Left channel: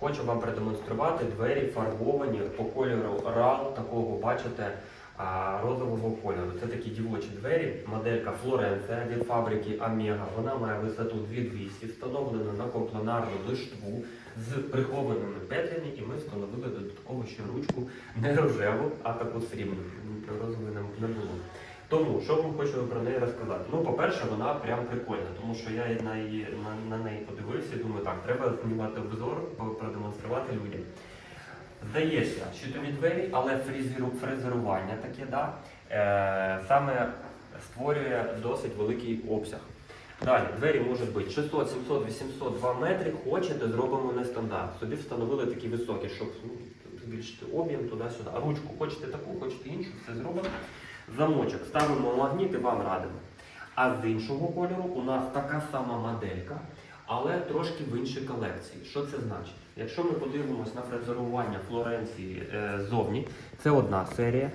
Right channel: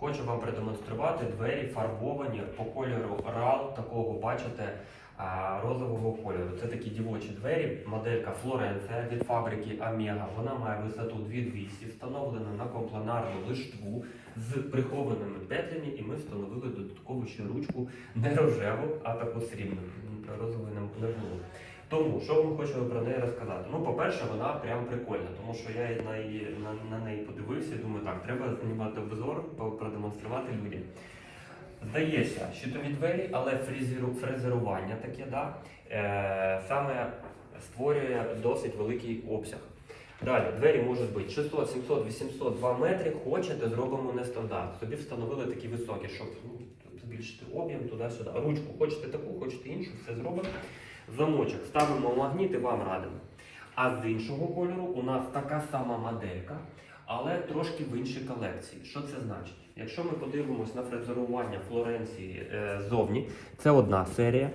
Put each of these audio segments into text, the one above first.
Хочу вам продемонструвати двері фарбовані по кольору RAL, такого бачите, розового кольору. Це такі дівочі двері, моделька Флоренція від фабрики Омега. Вона має висоту 2200, встановлена на компланарну лиштву з прихованими петлями, і ми встановили додатково ще ручку не рожеву, а таку срібну. Розової не було. Тому, що вам хочу про неї розказати? Ну, по-перше, вона прям прикольна, тому що я на, її, на, на неї подивився і думаю, так, треба знімати обзор, продемонструвати людям. Здається, щитові двері, але фрезеру, фрезерування таке, да, е, саме створює досить великий обсяг. Далі, двері можуть бути 600, 700, 800, 2 метри. Хочете, зробимо нестандарт. Собі встановили такі високі, щоб ну, збільшити об'єм туди-сюди. Ручку хочете таку, хочете іншу, все зробимо. Замочок ставимо магніт і вам радимо. А з іншого кольору у нас така сама моделька, але трошки в іншій колекції. Що це значить? Якщо ми подивимось на фрезерування Флоренції е, ззовні, це одна серія.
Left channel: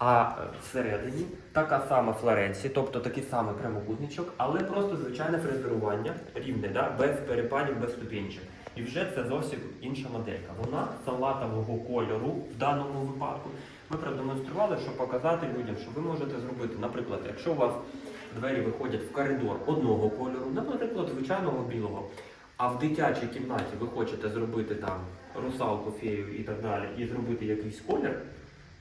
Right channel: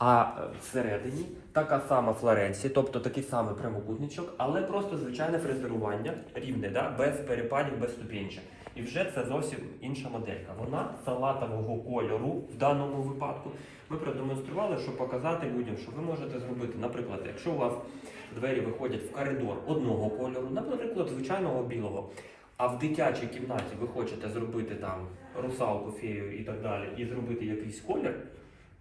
А всередині така сама Флоренція, тобто такий самий прямокутничок, але просто звичайне фрезерування рівне, да? без перепадів, без ступінчик. І вже це зовсім інша моделька. Вона салатового кольору в даному випадку. Ми продемонстрували, щоб показати людям, що ви можете зробити, наприклад, якщо у вас двері виходять в коридор одного кольору, наприклад, звичайного білого, а в дитячій кімнаті ви хочете зробити там русалку, фею і так далі, і зробити якийсь колір,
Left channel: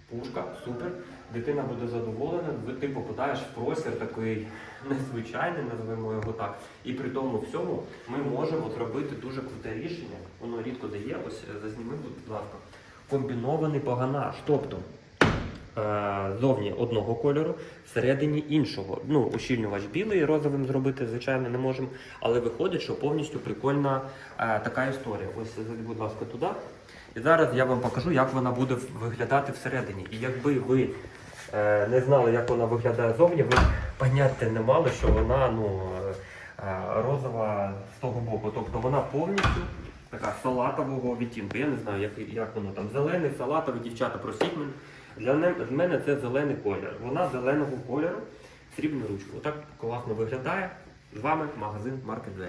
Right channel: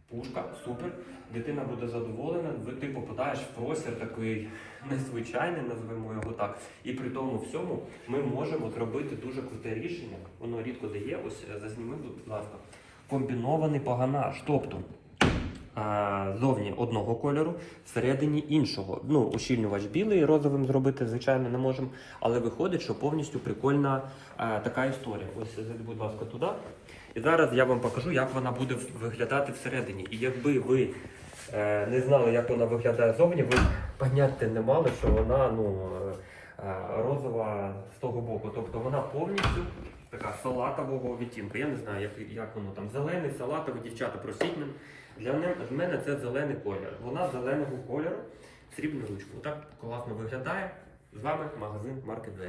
пушка, супер, дитина буде задоволена, ти попадаєш в простір такий незвичайний, назвемо його так. І при тому всьому ми можемо зробити дуже круте рішення. Воно рідко дає, ось е, зазніми, будь ласка, комбінований паганаж. Тобто е, зовні одного кольору, всередині іншого. Ну, ущільнювач білий, розовим зробити, звичайно, не можемо. Але виходить, що повністю прикольна е, така історія. Ось будь ласка, туди. І зараз я вам покажу, як вона буде виглядати всередині. І якби ви е, не знали, як вона виглядає зовні, ви поняття не мали, що вона ну, розова з того боку. Тобто вона повністю така салатового відтінку. Я не знаю, як, як воно там. Зелений, салатовий, дівчата, просіть мене. Для не- мене це зелений колір. Вона зеленого кольору, срібну ручку. Отак класно виглядає. З вами магазин Маркет Двері.